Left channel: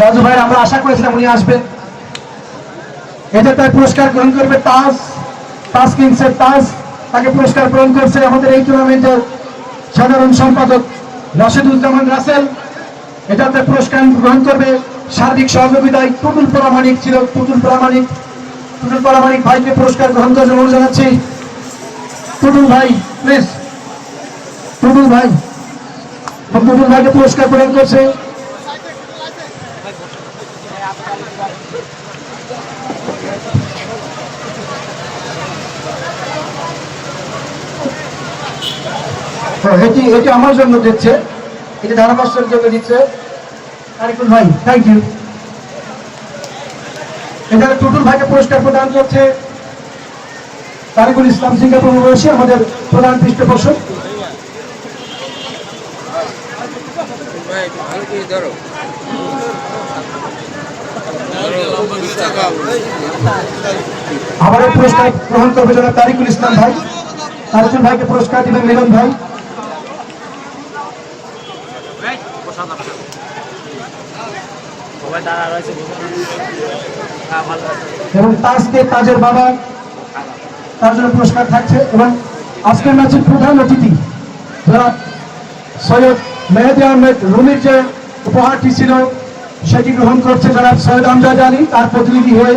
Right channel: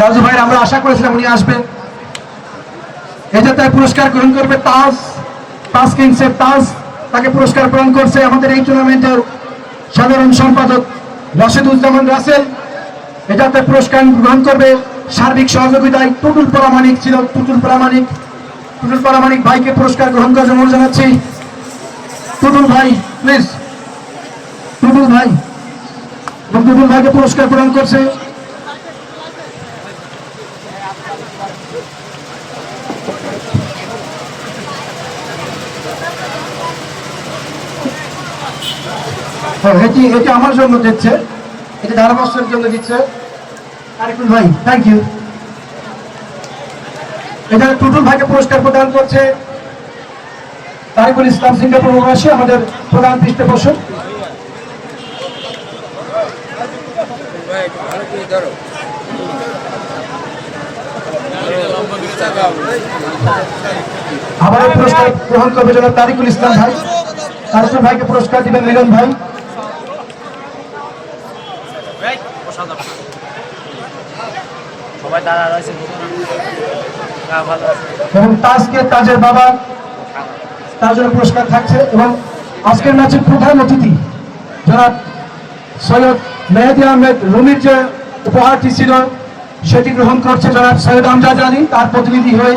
রাজু ভাই আমরা আশা করেছিলাম উনি আসবেন। এটা তার পুরস্কার গ্রহণ করবে তাজ তাজ কিংসের তাজ, তাকে পুরস্কার গ্রহণ করছে আমাদের এই টুর্নামেন্টের সাধারণ সম্পাদক রাশেদুজ্জামান রাসেল। এটা তার পুরস্কার গ্রহণ করবে। সার্বিক সহযোগিতায় টুটুল প্রামাণিক ছিল, টুটুল প্রামাণিক। টুটুল প্রামাণিক ভাইকে পুরস্কার গ্রহণ করার জন্য জানাচ্ছি। টুটুল ভাই, প্লিজ। টুটুল ভাই। টুটুল ভাইকে পুরস্কার গ্রহণ করছে। হ্যাঁ, এটি এটি আমার জন্য দিচ্ছে। এটি ধারাভাষ্যের জন্য দিচ্ছে। আরেকুল ভাই থ্যাংক ইউ টুটুল ভাইকে পুরস্কার প্রদান করছে তারিকুল ইসলাম সিঙ্গাপুর প্রবাসী আমাদের প্রধান পৃষ্ঠপোষক। আবার পুরস্কার গ্রহণ করবে জনাব তারিকুল ইসলাম ভাই। তারিকুল ভাইকে পুরস্কার দিবেন মিলন ভাই। এবং তাজকে তাজের বাবা, তার জন্য পুরস্কার থাকছে। এবং আজকের ম্যাচের প্রধান অতিথি যারা সৈয়দ মেহেদি আহমেদ রুমির যে উপহারটি ছিল, সেটি গ্রহণ করছে যারা সৈয়দ আমজাদ আলী, তার প্রতিনিধি হয়ে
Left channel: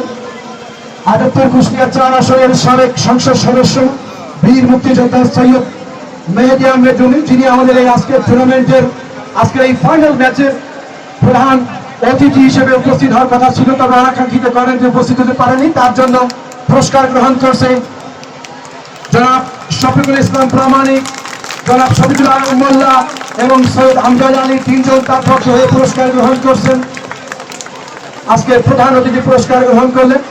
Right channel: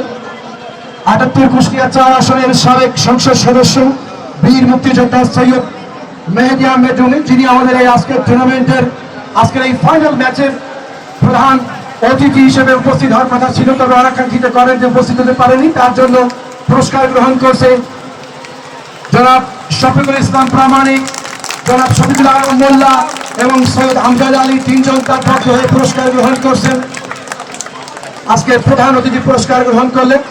আটাত্তর কুষ্টিয়া চার আসনের সাবেক সংসদ সদস্য বীর মুক্তিযোদ্ধা সৈয়দ মেহেদি আহমেদ যিনি আমাদের এই আজকের টুর্নামেন্টের আজকের এই ফাইনাল ম্যাচের প্রধান অতিথি হিসেবে উপস্থিত হওয়ার কথা ছিল, তবে আকাঙ্ক্ষিত কারণে যে উপস্থিত হতে পারেনি তার জন্য পুরস্কার গ্রহণ করছে জনাব শফিকুল ইসলাম প্রামাণিক, জনাব শফিকুল আলম মোল্লা এবং সৈয়দ আমজাদ আলী, তিনজন পক্ষে হয়ে পুরস্কার গ্রহণ করছেন। আজকে প্রধান অতিথি পুরস্কার গ্রহণ করলেন।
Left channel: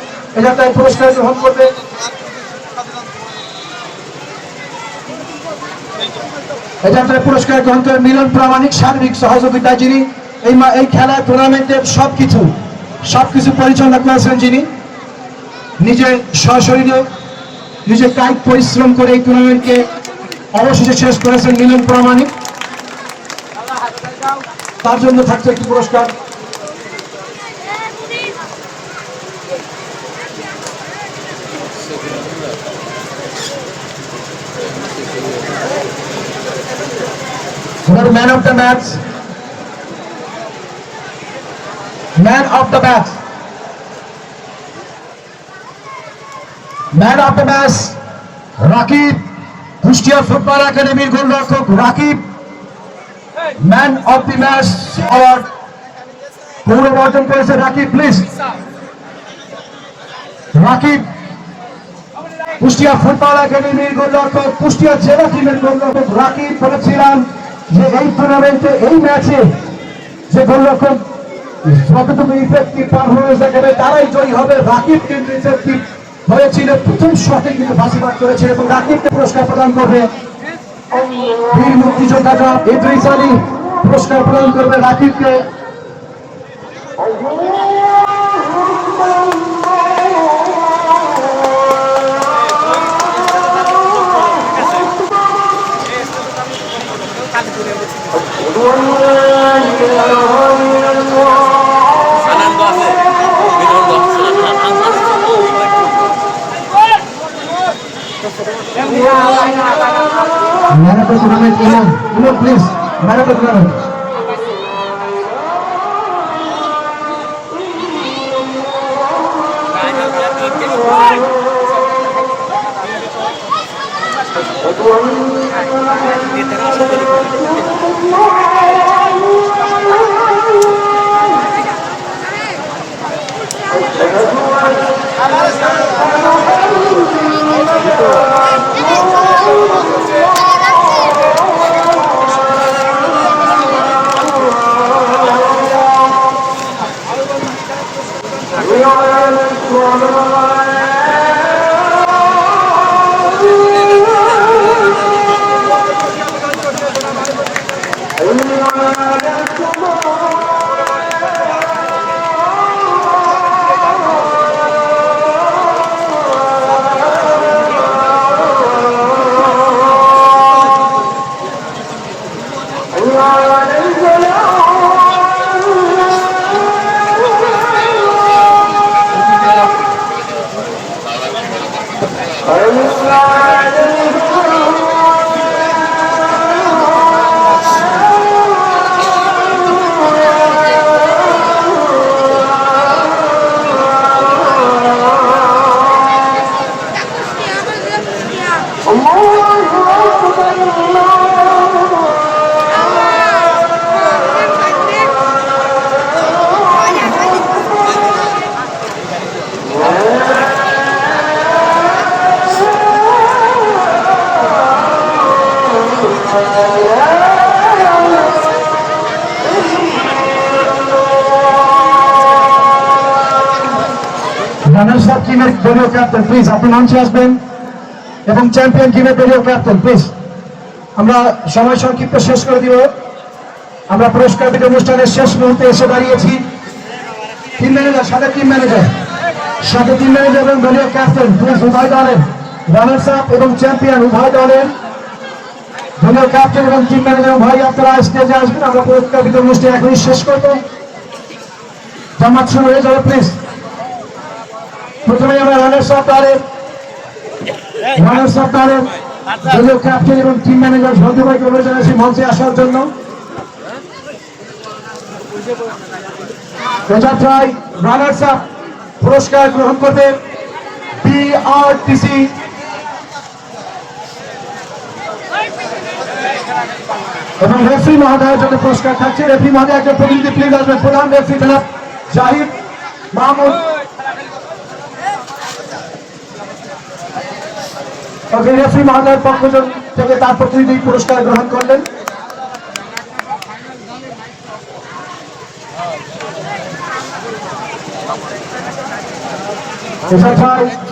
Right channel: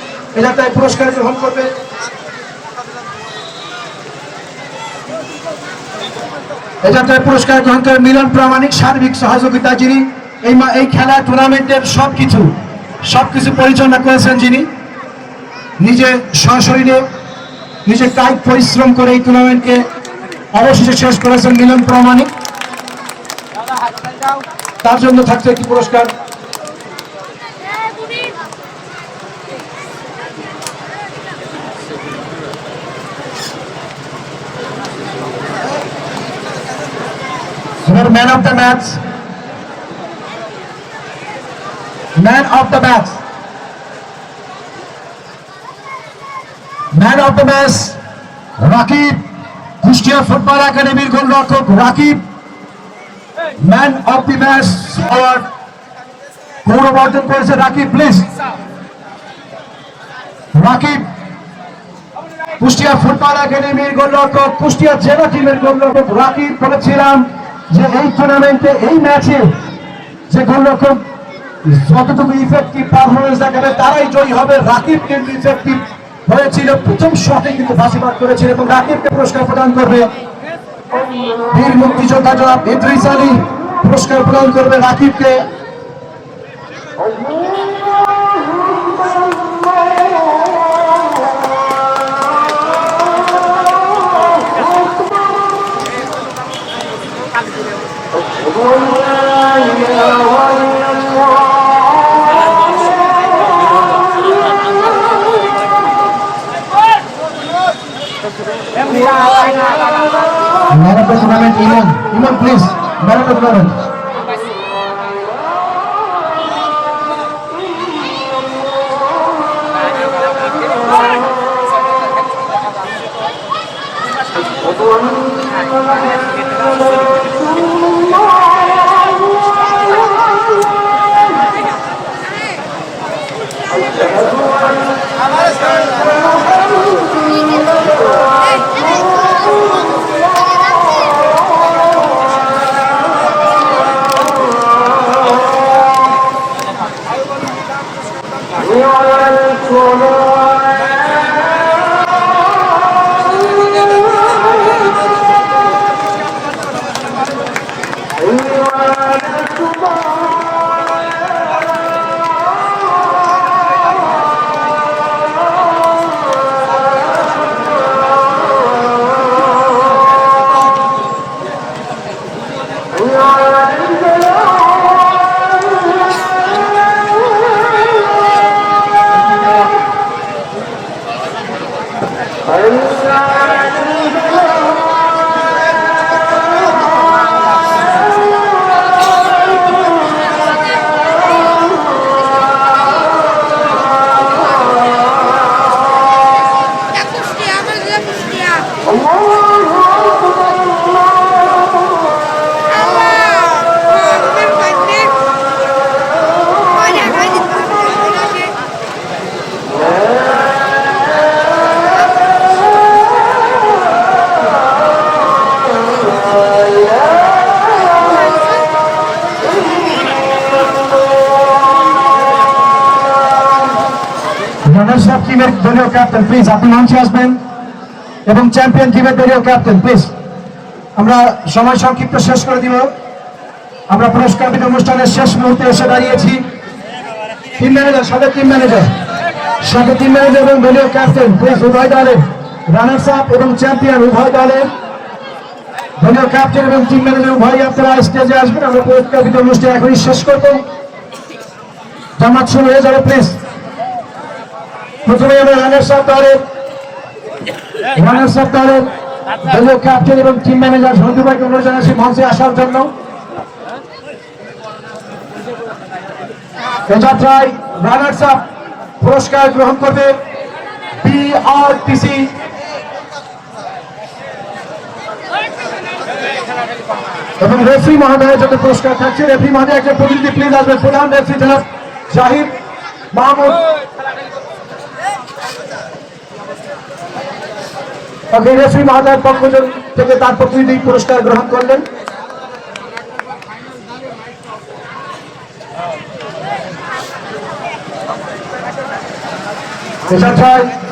এলাকায় পুরস্কার গ্রহণ করবে এটাতে পুরস্কার গ্রহণ করে মিলন প্রামাণিক সার্বিক সহযোগিতা যিনি এই এই খেলা টুর্নামেন্টের সব কিছু সব কিছু পরিচালনা করেছেন যিনি, নিজে সশরীরে নিজে কায়িক পরিশ্রম করে এই টুর্নামেন্টকে অবশেষে শেষ করেছেন মিলন প্রামাণিক। তার জন্য থাকছে একটি পুরস্কার। Man of the match man of the match man of the match Rakib Kushtia football একাডেমির গোলরক্ষক Rakib man of the match award গৌরব অর্জন করেছে রাকিব প্লিজ রাকিব কুষ্টিয়া ফুটবল একাডেমির গোলরক্ষক কুষ্টিয়া জেলা টিমের গোলরক্ষক রাকিব বলেছিলাম। যে এই টুর্নামেন্টে এই ম্যাচে যে গোলরক্ষক যতটুকু ইফেক্টিভ পারফরমেন্স দেখাবে, তারাই জয়ী হবে। রাকিব কিন্তু ইফেক্টিভ হয়েছিল। প্রথম শটে কিন্তু ফাঁসিবাদ করেছে এবং রাকিবকে পুরস্কার প্রদান করবে বীর মুক্তিযোদ্ধা ইদ্রিস আলী। পুরস্কার প্রদান করবে রাকিবকে। Meron po sa namin, Iman. Iman, please. Meron po meron. টিমের দলীয় ক্যাপ্টেন প্লিজ আপনি মঞ্চে আসবেন। এবং চ্যাম্পিয়ন টিমের দলীয় ক্যাপ্টেন প্লিজ আমরা সময় সংক্ষিপ্ত শেষ করে দিব। আমরা পুরস্কার বিতরণ অনুষ্ঠানের শেষ মুহূর্তে এসে দাঁড়িয়েছি। টিম ম্যানেজার সাবেক টিম ম্যানেজার সাবেক টিম ম্যানেজার এবং দলীয় ক্যাপ্টেন প্লিজ উভয় দলের রানার্স আপ এবং চ্যাম্পিয়ন উভয় দলের দলীয় ক্যাপ্টেন এবং টিম ম্যানেজার উভয় আপনারা স্টেজে আসবেন। আমরা পুরস্কার বিতরণ অনুষ্ঠান এখনই শেষ করব। জামাত শুরু হয়ে যাবে প্লিজ প্রথমে আমরা দলীয় ক্যাপ্টেন এবং টিম ম্যানেজার সন্দু ভাইকে অনুরোধ জানাচ্ছি মঞ্চে আসার জন্য। যাত্রায় রানার্স আপ পুরস্কার গ্রহণ করবে বিআরটিসি এবং রেফরি মহোদয়ের জন্য পুরস্কার থাকছে। রেফরি মহোদয় একটা প্রতিনিধি প্লিজ আসবেন। প্রধান রেফরি জনাব জাহিদ মাহমুদ। ওকে রেফরি মহোদয়ের পক্ষ থেকে তার প্রতিনিধি পুরস্কার গ্রহণ করলেন এছাড়াও